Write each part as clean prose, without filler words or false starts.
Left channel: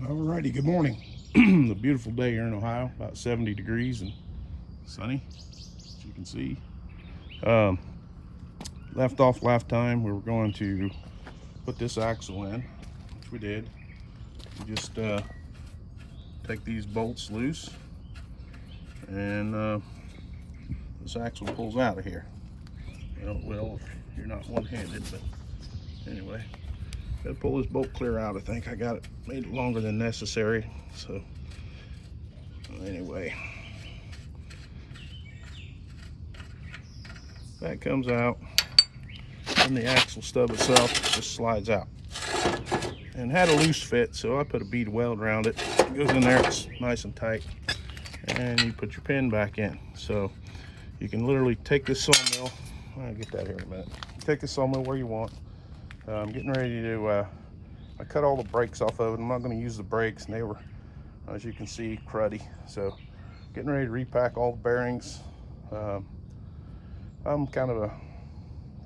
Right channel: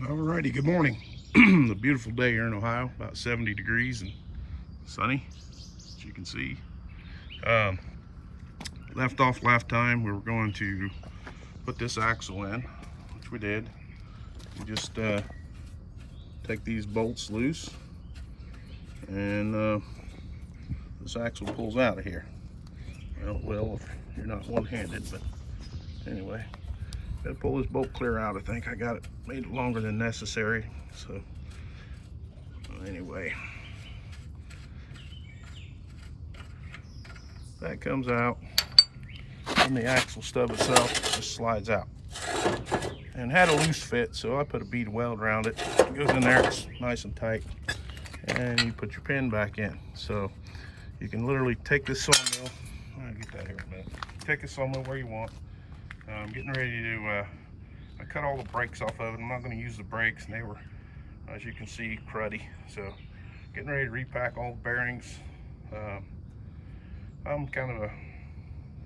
Alrighty, good morning. A beautiful day here in Ohio, about 70 degrees and sunny, as you can see. Left off last time, we were going to put this axle in, which we did. We just take these bolts loose, and this axle pulls out of here. Well, it will if you're not one-handed, but anyway. Gotta pull this bolt clear out. I think I got it made it longer than necessary. So anyway, that comes out, and the axle stub itself just slides out. And had a loose fit, so I put a bead weld around it. It goes in there, it's nice and tight, and you put your pin back in. So you can literally take this sawmill. I'll get that here in a minute. Take the sawmill where you want. I'm getting ready to, I cut all the brakes off of it. I'm not going to use the brakes, and they were, as you can see, cruddy. So getting ready to repack all the bearings. I'm kind of a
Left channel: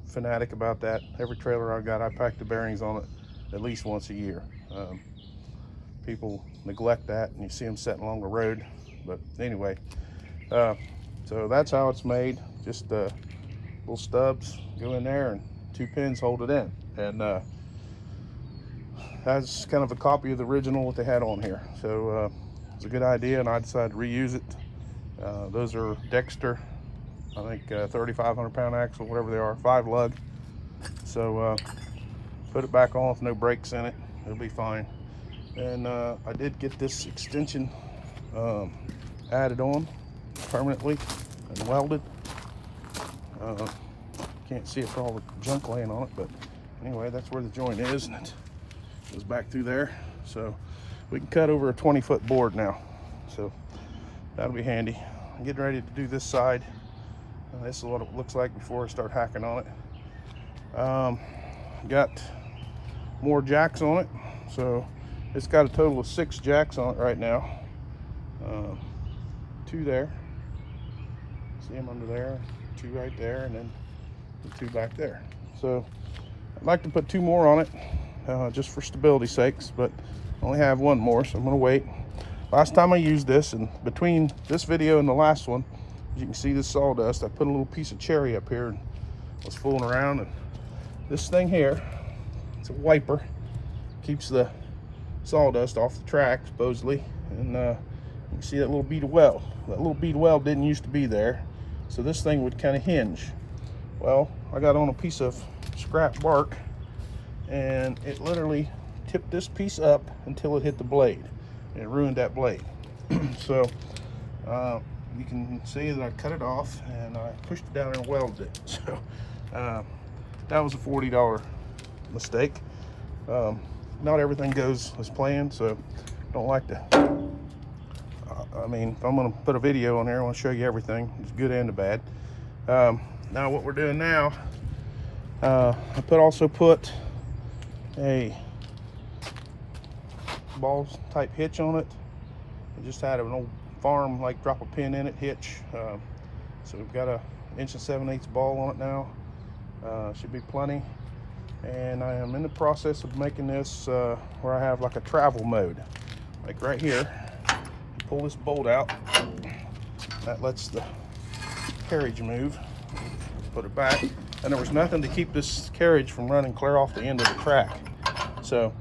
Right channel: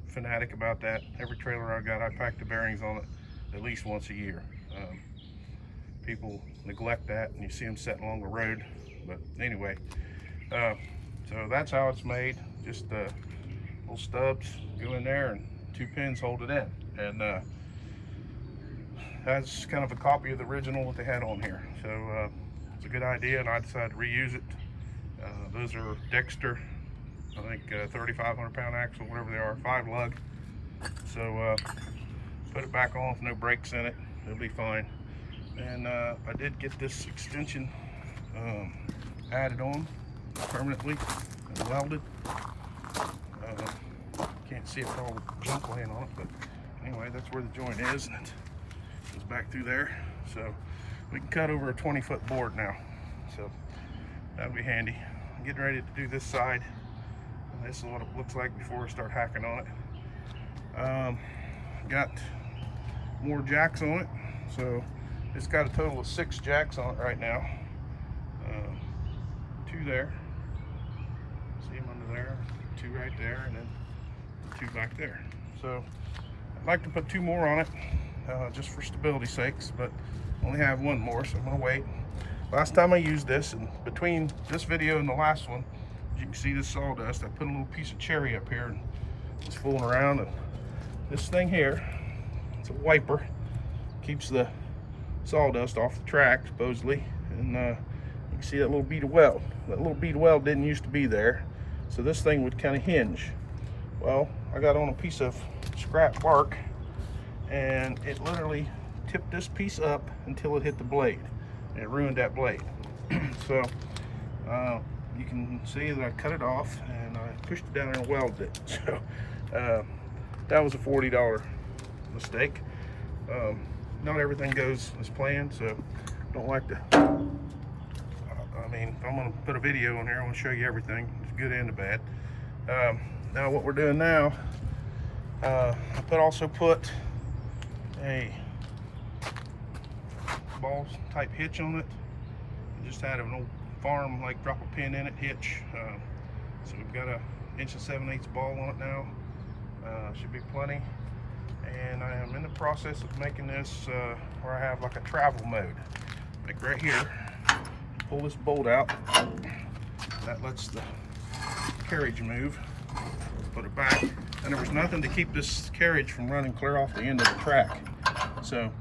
fanatic about that. Every trailer I got, I pack the bearings on it at least once a year. People neglect that, and you see them sitting along the road. But anyway, so that's how it's made. Just little stubs go in there, and 2 pins hold it in. And that's kind of a copy of the original what they had on here. So it's a good idea, and I decided to reuse it. Those are Dexter, I think 3,500 pound axle, whatever they are, 5 lug. So put it back on with no brakes in it, it'll be fine. And I did get this extension added on permanently and welded. Can't see it for all the junk laying on it, but anyway, that's where the joint is, and it goes back through there. So we can cut over a 20-foot board now, so that'll be handy. I'm getting ready to do this side, and this is what it looks like before I start hacking on it. Got more jacks on it, so it's got a total of 6 jacks on it right now. 2 there, see them under there, 2 right there, and then 2 back there. So I'd like to put 2 more on it, just for stability sakes, but I only have 1 more, so I'm gonna wait. Last time I used this, and between this video and the last one, as you can see this sawdust, I put a little piece of cherry up here and was fooling around, and this thing here, it's a wiper, keeps the sawdust off the track supposedly, and you can see that little bead of weld. That little bead of weld didn't used to be there, so this thing would kind of hinge. Well, I got on a piece of scrap bark, and it literally tipped this piece up until it hit the blade, and it ruined that blade. So you can see that I cut it off, and I pushed it down there and welded it. So that was a $40 mistake. Not everything goes as planned, so don't like to, I mean, if I'm gonna put a video on here, I want to show you everything, it's good and the bad. Now what we're doing now, I also put a ball type hitch on it. I just had an old farm, like drop a pin in it hitch. So we've got a 1 7/8" ball on it now. Should be plenty. And I am in the process of making this where I have like a travel mode. Like right here, you pull this bolt out, that lets the carriage move. Put it back, and there was nothing to keep this carriage from running clear off the end of the track. So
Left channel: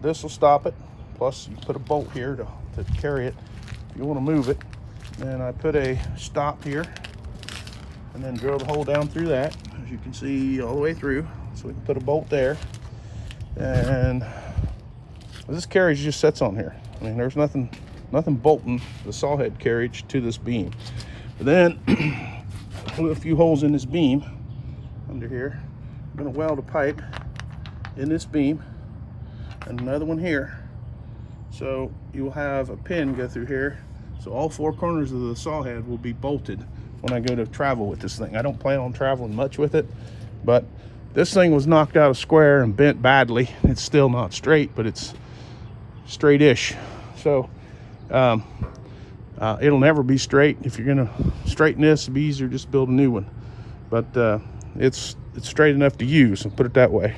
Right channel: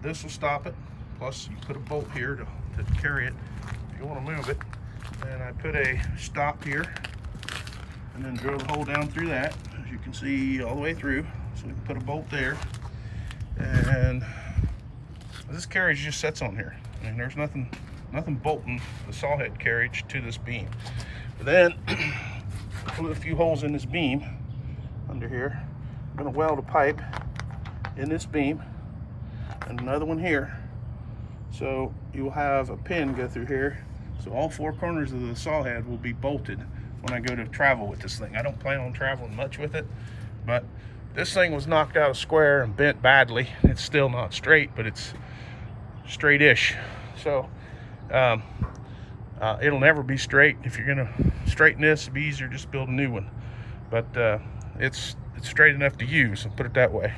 this will stop it. Plus you put a bolt here to carry it if you want to move it. And I put a stop here, and then drill the hole down through that, as you can see, all the way through. So we can put a bolt there, and this carriage just sits on here. I mean, there's nothing bolting the saw head carriage to this beam. But then put a few holes in this beam under here. I'm going to weld a pipe in this beam and another one here, so you'll have a pin go through here, so all 4 corners of the saw head will be bolted when I go to travel with this thing. I don't plan on traveling much with it, but this thing was knocked out of square and bent badly. It's still not straight, but it's straight-ish. So it'll never be straight. If you're gonna straighten this, it'd be easier just build a new one. But it's straight enough to use, and put it that way.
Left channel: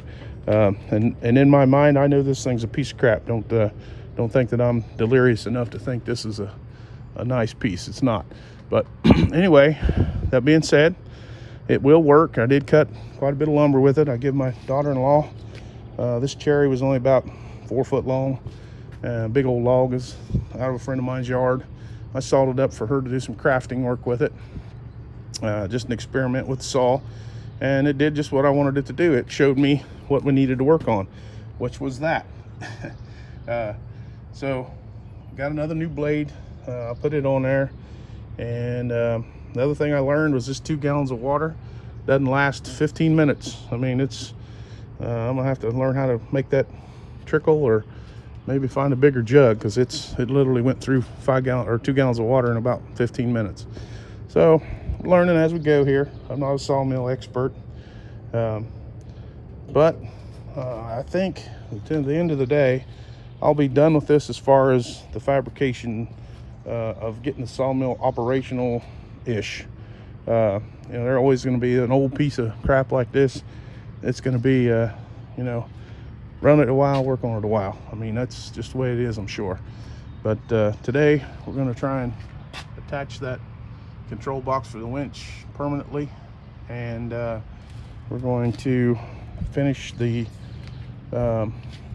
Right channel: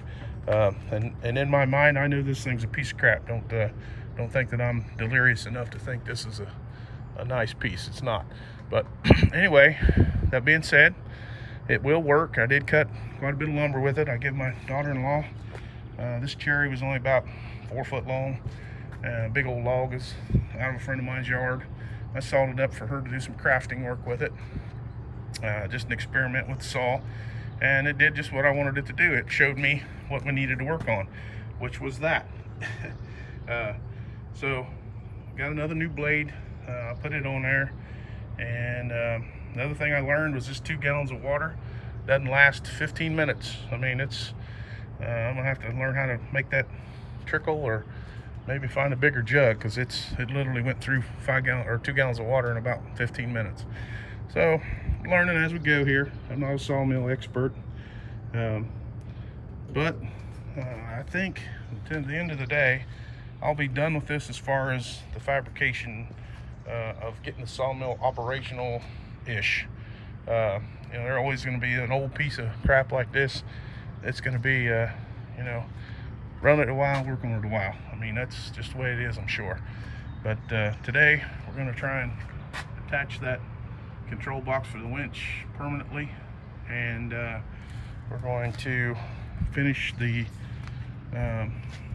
And in my mind, I know this thing's a piece of crap. Don't think that I'm delirious enough to think this is a nice piece. It's not. But anyway, that being said, it will work. I did cut quite a bit of lumber with it. I give my daughter-in-law, this cherry was only about 4 foot long. Big old log is out of a friend of mine's yard. I sawed it up for her to do some crafting work with it. Just an experiment with the saw, and it did just what I wanted it to do. It showed me what we needed to work on, which was that. So got another new blade. I'll put it on there. And the other thing I learned was this 2 gallons of water doesn't last 15 minutes. I mean, it's I'm gonna have to learn how to make that trickle, or maybe find a bigger jug, because it literally went through 2 gallons of water in about 15 minutes. So learning as we go here. I'm not a sawmill expert, but I think at the end of the day, I'll be done with this as far as the fabrication of getting the sawmill operational-ish. You know, there's always going to be an old piece of crap like this. It's going to be, you know, run it a while, work on it a while. I mean, that's just the way it is, I'm sure. But today, we're going to try and attach that control box for the winch permanently, and we're going to finish the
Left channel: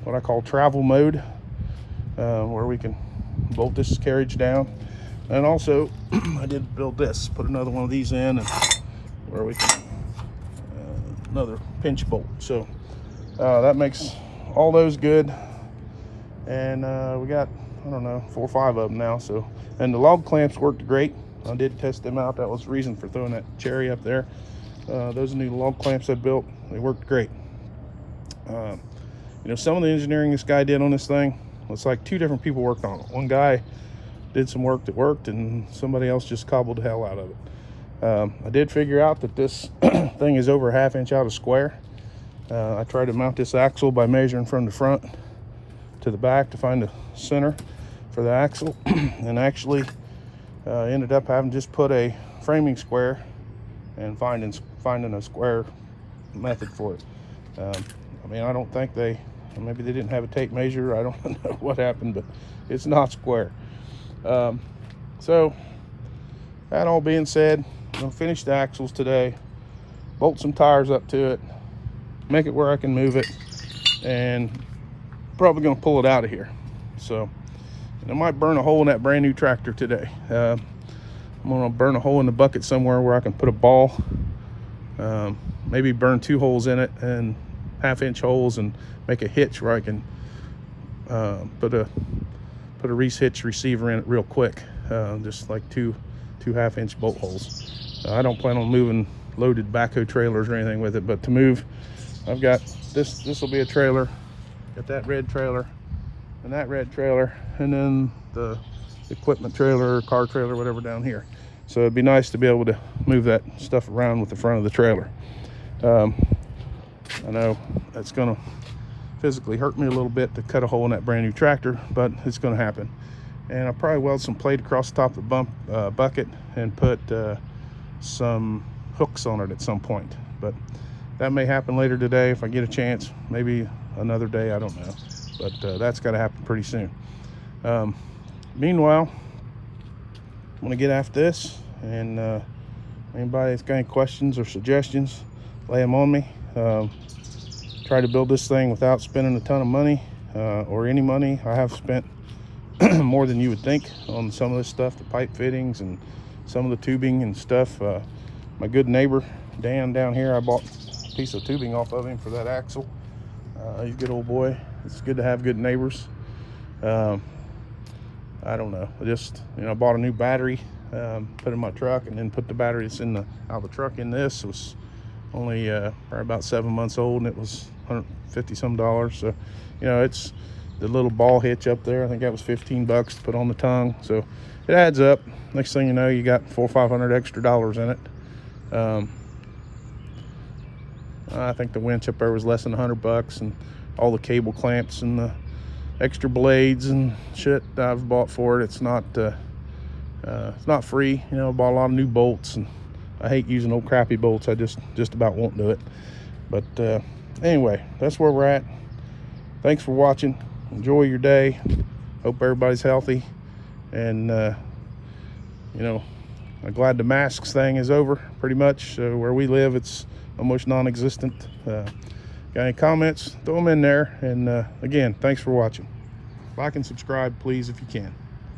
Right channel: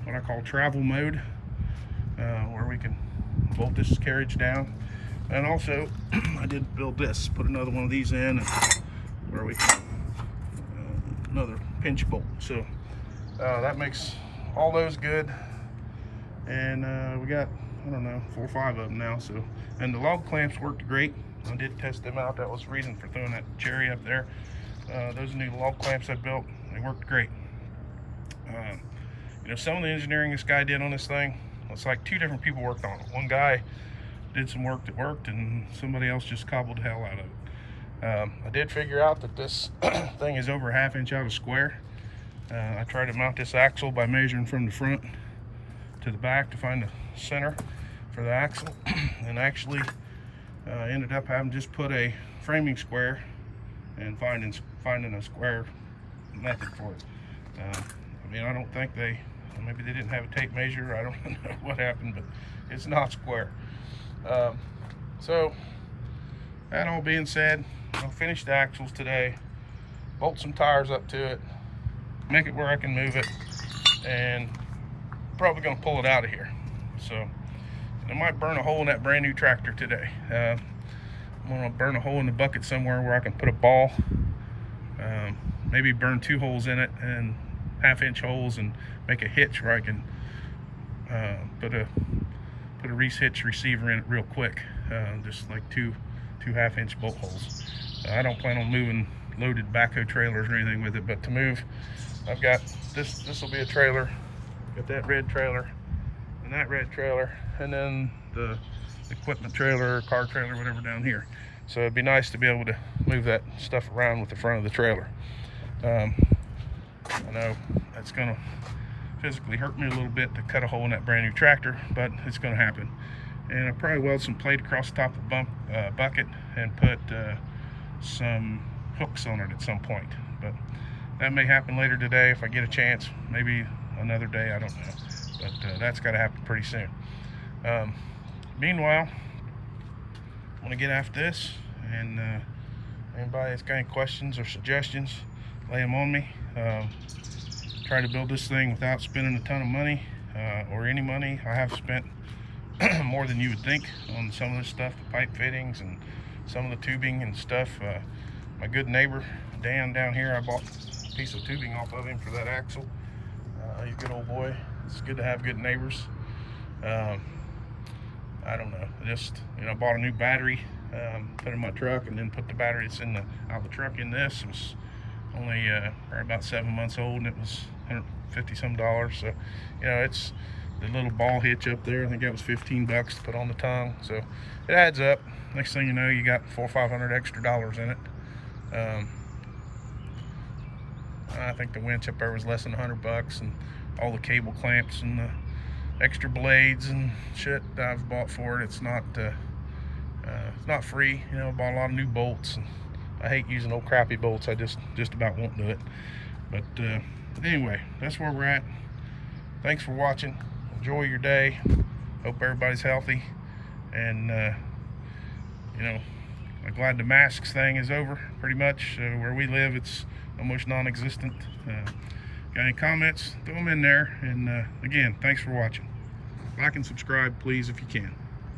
what I call travel mode, where we can bolt this carriage down. And also I did build this, put another one of these in, and where we can another pinch bolt. So that makes all those good, and we got, I don't know, 4 or 5 of them now. So, and the log clamps worked great. I did test them out. That was the reason for throwing that cherry up there. Those new log clamps I built, they worked great. You know, some of the engineering this guy did on this thing, it's like 2 different people worked on it. One guy did some work that worked, and somebody else just cobbled the hell out of it. I did figure out that this thing is over 1/2 inch out of square. I tried to mount this axle by measuring from the front to the back to find the center for the axle, and actually ended up having just put a framing square and finding a square method for it. I mean, I don't think maybe they didn't have a tape measure. I don't know what happened, but it's not square. So that all being said, I'm gonna finish the axles today, bolt some tires up to it, make it where I can move it, and probably gonna pull it out of here. So I might burn a hole in that brand new tractor today. I'm gonna burn a hole in the bucket somewhere where I can put a ball, maybe burn 2 holes in it, and 1/2 inch holes, and make a hitch where I can put a Reese hitch receiver in it real quick. Just like two 1/2 inch bolt holes. I don't plan on moving loaded backhoe trailers or anything with it, but to move, I've got this will be a trailer, got that red trailer and that red trailer, and then the equipment trailer, car trailer, whatever down here. So it'd be nice to be able to move that stuff around with the front of the trailer. I know it's gonna physically hurt me a little bit to cut a hole in that brand new tractor, but it's gonna happen. And I'll probably weld some plate across the top of the bucket and put some hooks on it at some point. But that may happen later today if I get a chance, maybe another day, I don't know. But that's gotta happen pretty soon. Meanwhile, I'm gonna get after this, and anybody that's got any questions or suggestions, lay them on me. Try to build this thing without spending a ton of money, or any money. I have spent more than you would think on some of this stuff, the pipe fittings and some of the tubing and stuff. My good neighbor Dan down here, I bought a piece of tubing off of him for that axle. He's a good old boy. It's good to have good neighbors. I don't know, I bought a new battery, put in my truck, and then put the battery that's out of the truck in this. It was only probably about 7 months old, and it was $150 some. So, you know, it's the little ball hitch up there, I think that was 15 bucks to put on the tongue. So it adds up. Next thing you know, you got $400 or $500 extra in it. I think the winch up there was less than 100 bucks, and all the cable clamps and the extra blades and shit that I've bought for it. It's not free. You know, I bought a lot of new bolts, and I hate using old crappy bolts. I just about won't do it. But anyway, that's where we're at. Thanks for watching. Enjoy your day. Hope everybody's healthy. And you know, I'm glad the masks thing is over pretty much. Where we live, it's almost non-existent. Got any comments? Throw them in there. And again, thanks for watching. Like and subscribe, please, if you can.